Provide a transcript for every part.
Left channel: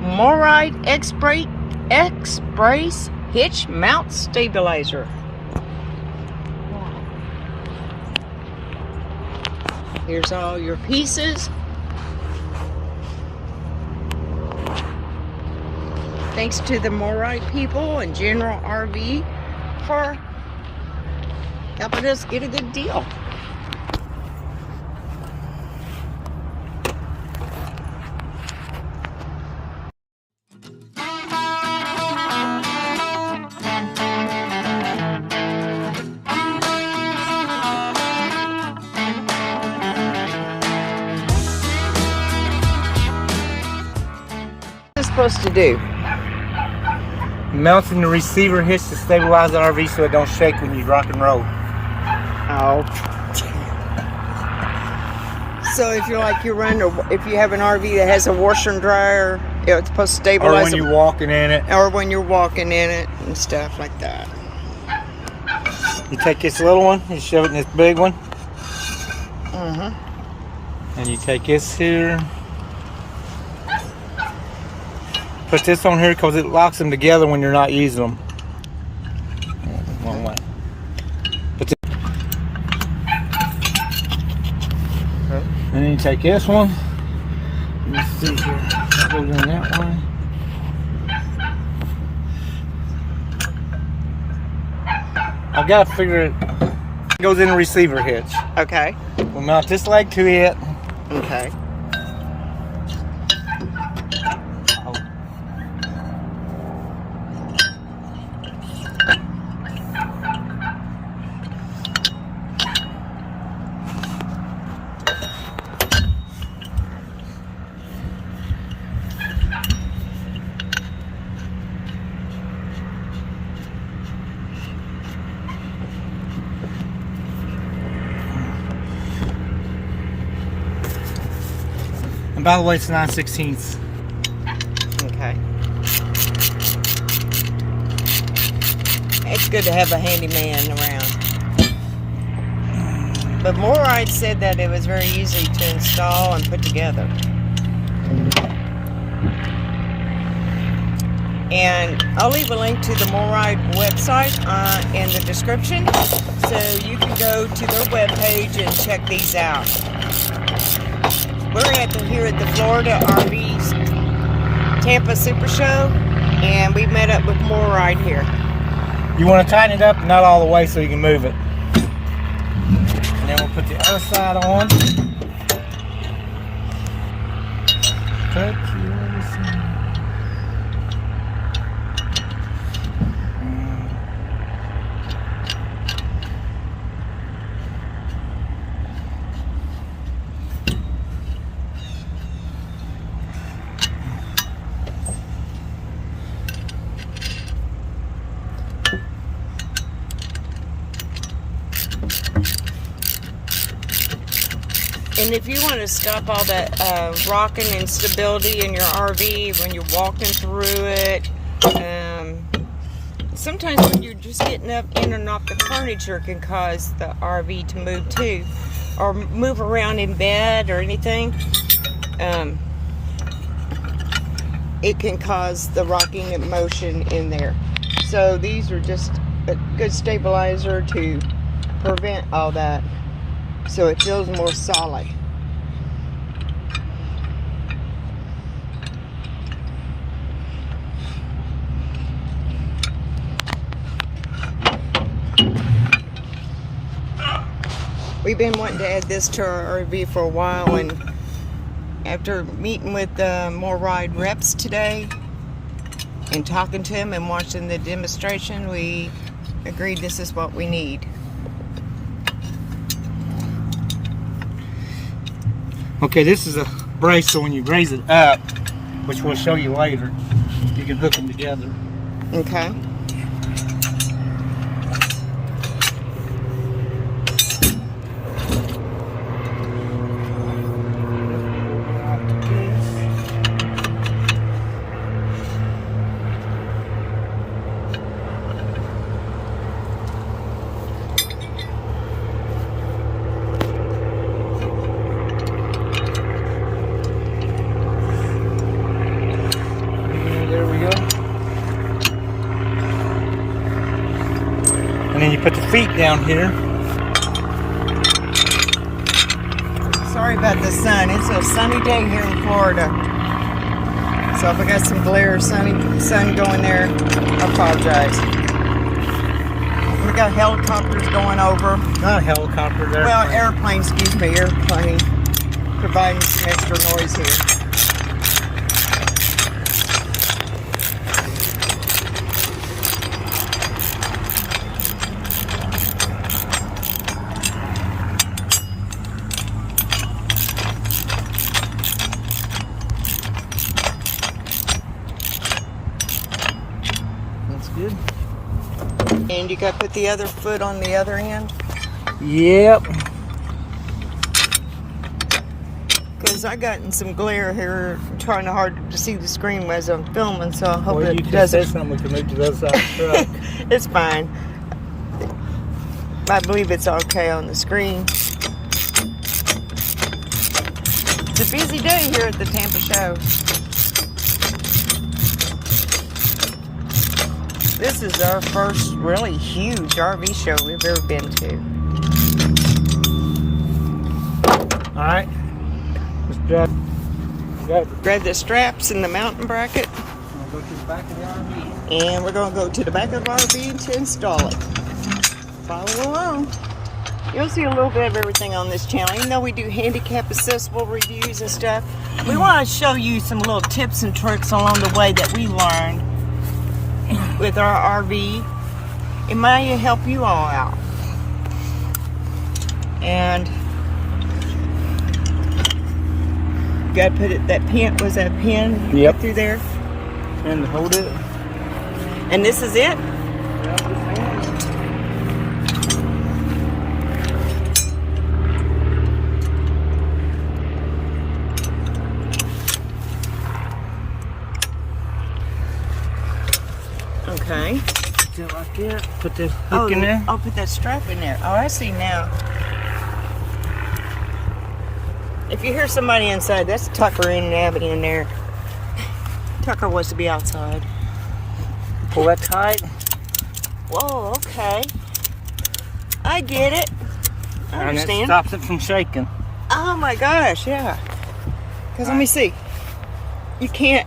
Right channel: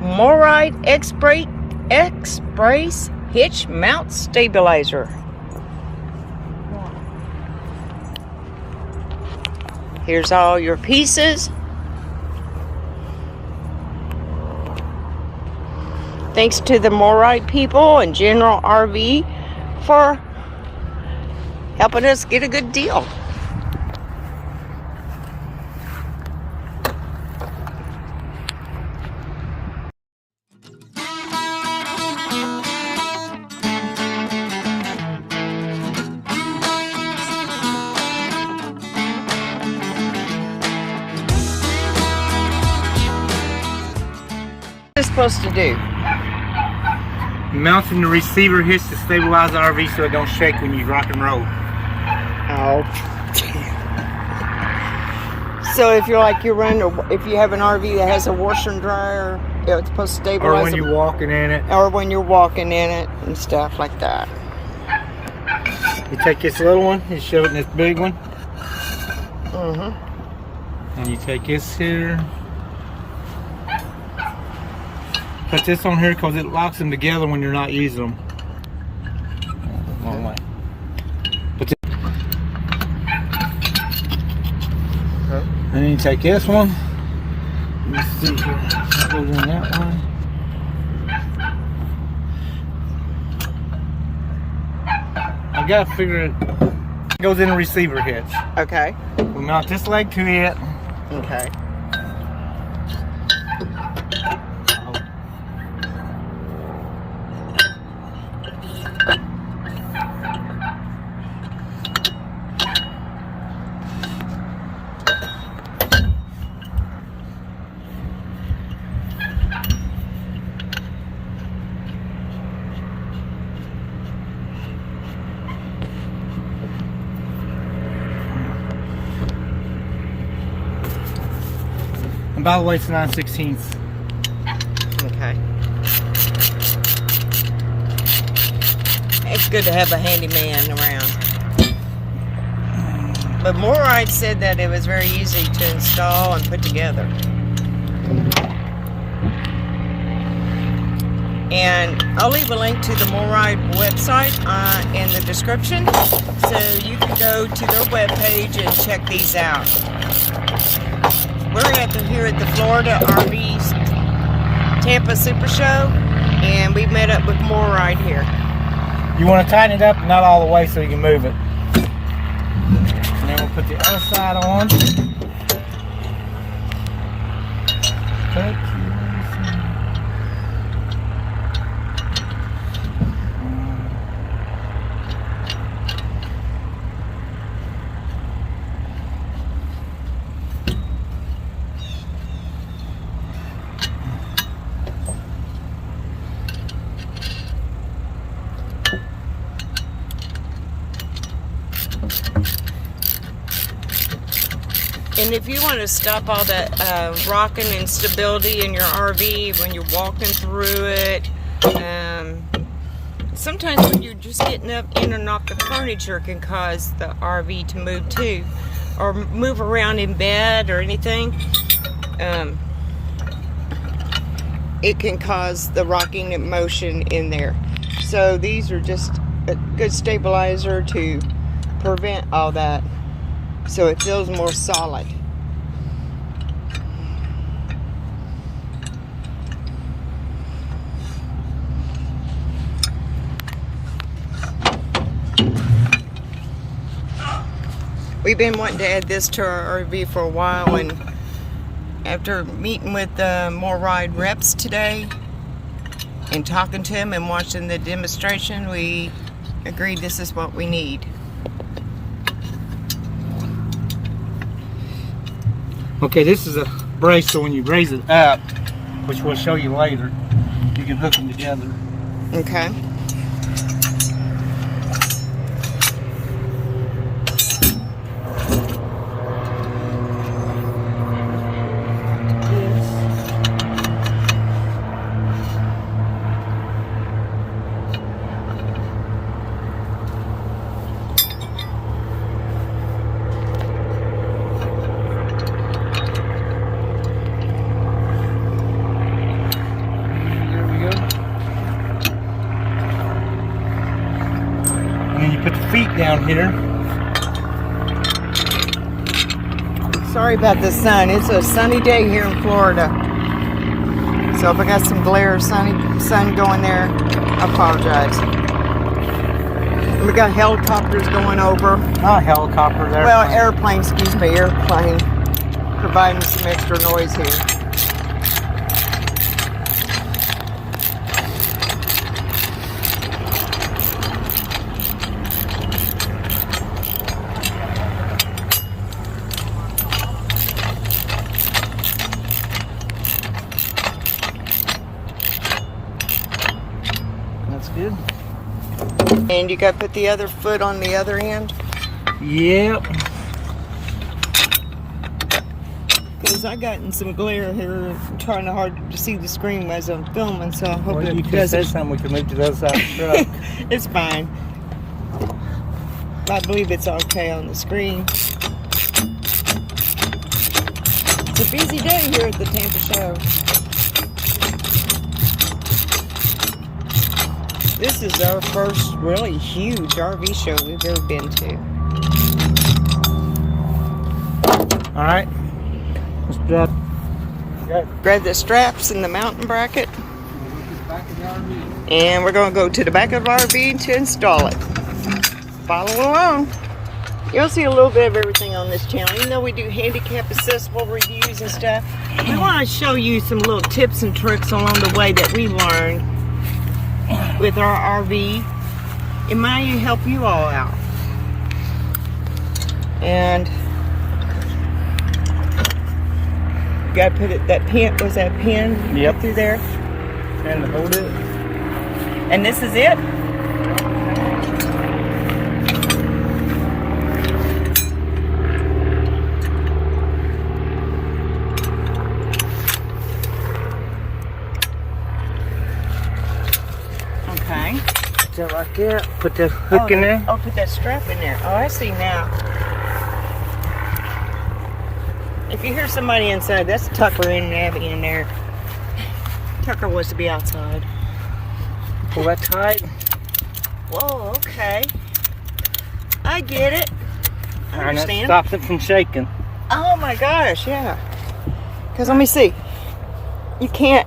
MORryde X-Brace Hitch Mount Stabilizer. Here's all your pieces. Thanks to the MORryde people and General RV for helping us get a good deal. What is it supposed to do? Mounting the receiver hitch to stabilize the RV so it don't shake when you rock and roll. Oh. So if you're like if you have an RV that has a washer and dryer, it's supposed to stabilize. Or when you're walking in it. Or when you're walking in it and stuff like that. You take this little one, you shove it in this big one. Mm-hmm. And you take this here. Put this on here because it locks them together when you're not using them. Wrong way. Put this. Okay. And then you take this one. Let's see here. That goes in that one. I've got to figure it. It goes in the receiver hitch. Okay. We'll mount this leg to it. Okay. And by the way, it's 9/16. Okay. It's good to have a handyman around. But MORryde said that it was very easy to install and put together. And I'll leave a link to the MORryde website in the description, so you can go to their webpage and check these out. We're here at the Florida RV Tampa Super Show, and we met up with MORryde here. You want to tighten it up, not all the way, so you can move it. And then we'll put the other side on. And if you want to stop all that rocking instability in your RV when you're walking through it, sometimes when you're just getting up in and off the furniture can cause the RV to move too, or move around in bed or anything. It can cause the rocking motion in there. So these are just a good stabilizer to prevent all that, so it feels more solid. We've been wanting to add this to our RV for a while, and after meeting with the MORryde reps today and talking to them and watching the demonstration, we agreed this is what we need. Okay, this is a brace, so when you raise it up, which we'll show you later, you can hook them together. Okay. feet down here. Sorry about the sun. It's a sunny day here in Florida. So if I got some glare of sun going there, I apologize. We got helicopters going over. Not helicopters, airplane. Well, airplane, excuse me, airplane. Providing some extra noise here. That's good. And you got to put the other foot on the other end? Yep. Because I gotten some glare here, trying hard to see the screen as I'm filming, so I hope Well, you it could doesn't. say something, we could move to the other side of the truck. It's fine. I believe it's okay on the screen. It's a busy day here at the Tampa show. This is our first really huge RV show we've ever been to. All right. Let's Grab the straps and the mountain bracket. We'll go to the back of the RV. And we're going to go to the back of the RV to install it. Follow along. You'll see a little bit of everything on this channel. Even though we do handicap accessible reviews and stuff, we want to show you some little tips and tricks along the way that we learned with our RV. It might help you all out. And you got to put it, that pin, was that pin Yep. through there? Trying to hold it. And this is it? Okay. Just like that. Put the hook in there. Oh, put that strap in there. Oh, I see now. If you hear somebody inside, that's Tucker and Abby in there. Tucker wants to be outside. Pull that tight. Whoa, okay. I get it. I And that understand. stops it from shaking. Oh my gosh, yeah. Because let me see. You can't.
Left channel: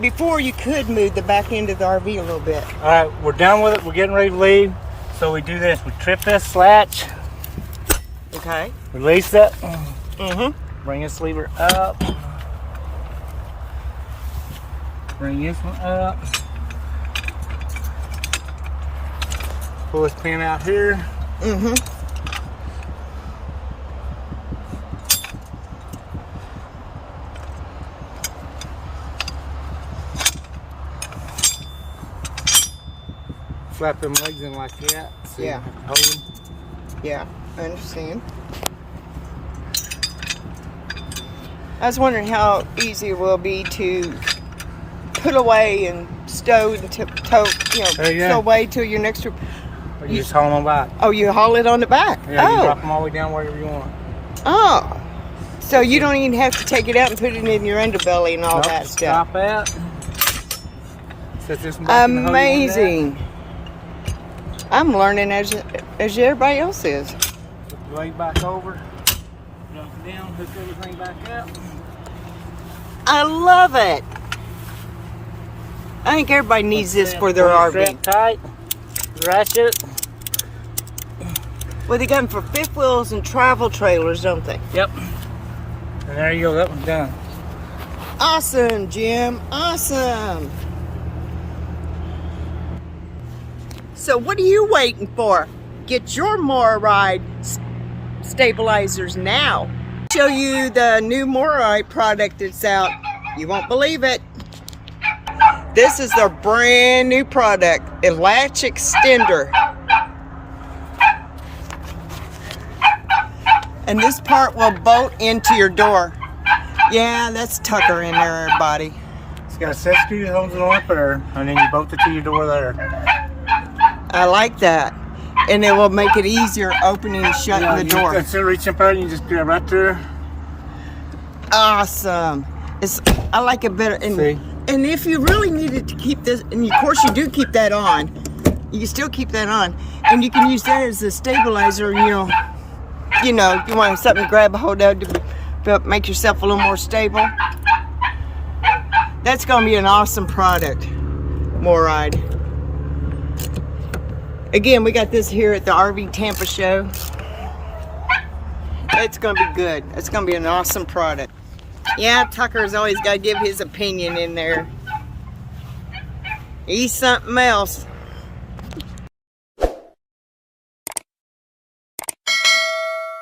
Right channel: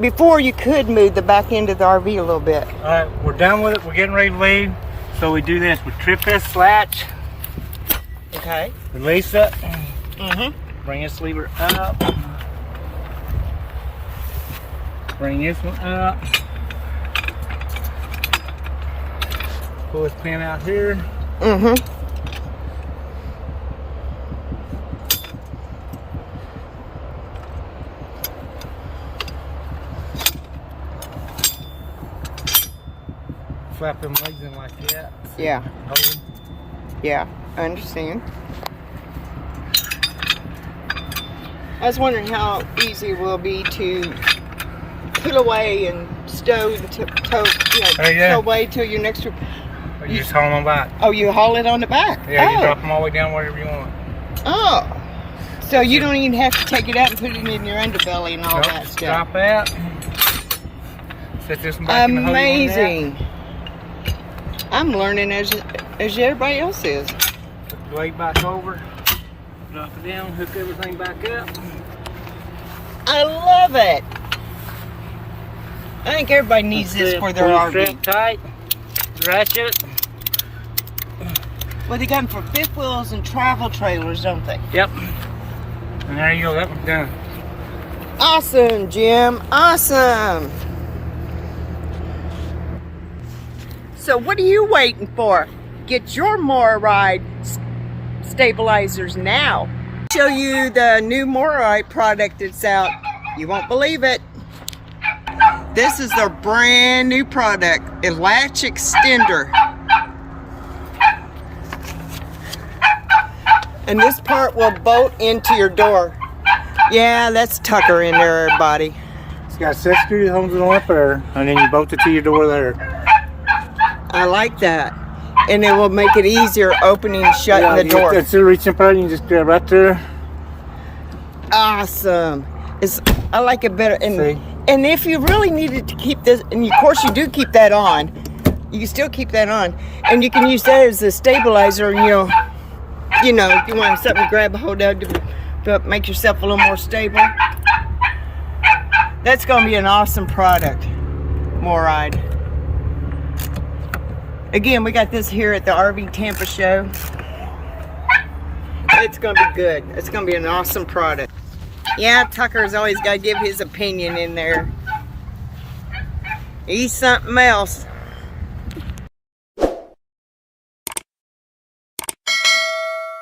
Before you could move the back end of the RV a little bit. All right, we're done with it. We're getting ready to leave. So we do this. We trip that slatch. Okay. Release it. Mm-hmm. Bring this lever up. Bring this one up. Pull this pin out here. Mm-hmm. Flap them legs in like that. So Yeah. hold them. Yeah, I understand. I was wondering how easy it will be to put away and stow and tow, tow away to your next trip. Or you just haul them back. Oh, you haul it on the back? Yeah, you Oh. drop them all the way down wherever you want. Oh. So you don't even have to take it out and put it in your underbelly and all Nope, that stuff. Stop that. Set this one back in the hose on that. Amazing. I'm learning as everybody else is. Put the leg back over. Drop it down. Hook everything back up. I love it. I think everybody needs this for their Pull RV. the strap tight. Ratchet. Well, they got them for fifth wheels and travel trailers, don't they? Yep. And there you go. That one's done. Awesome, Jim. Awesome. So what are you waiting for? Get your MORryde stabilizers now. Show you the new MORryde product that's out. You won't believe it. This is their brand new product, a latch extender. And this part will bolt into your door. Yeah, that's Tucker in there, everybody. It's got a set screw that holds it on up there, and then you bolt it to your door there. I like that. And it will make it easier opening and shutting the door. Instead of reaching up there, you just grab right there. Awesome. I like it better. See? And if you really needed to keep this, and of course you do keep that on, You can still keep that on, and you can use that as a stabilizer. You know, if you want something to grab a hold of to make yourself a little more stable. That's going to be an awesome product, MORryde. Again, we got this here at the RV Tampa show. It's going to be good. It's going to be an awesome product. Yeah, Tucker's always got to give his opinion in there. He's something else.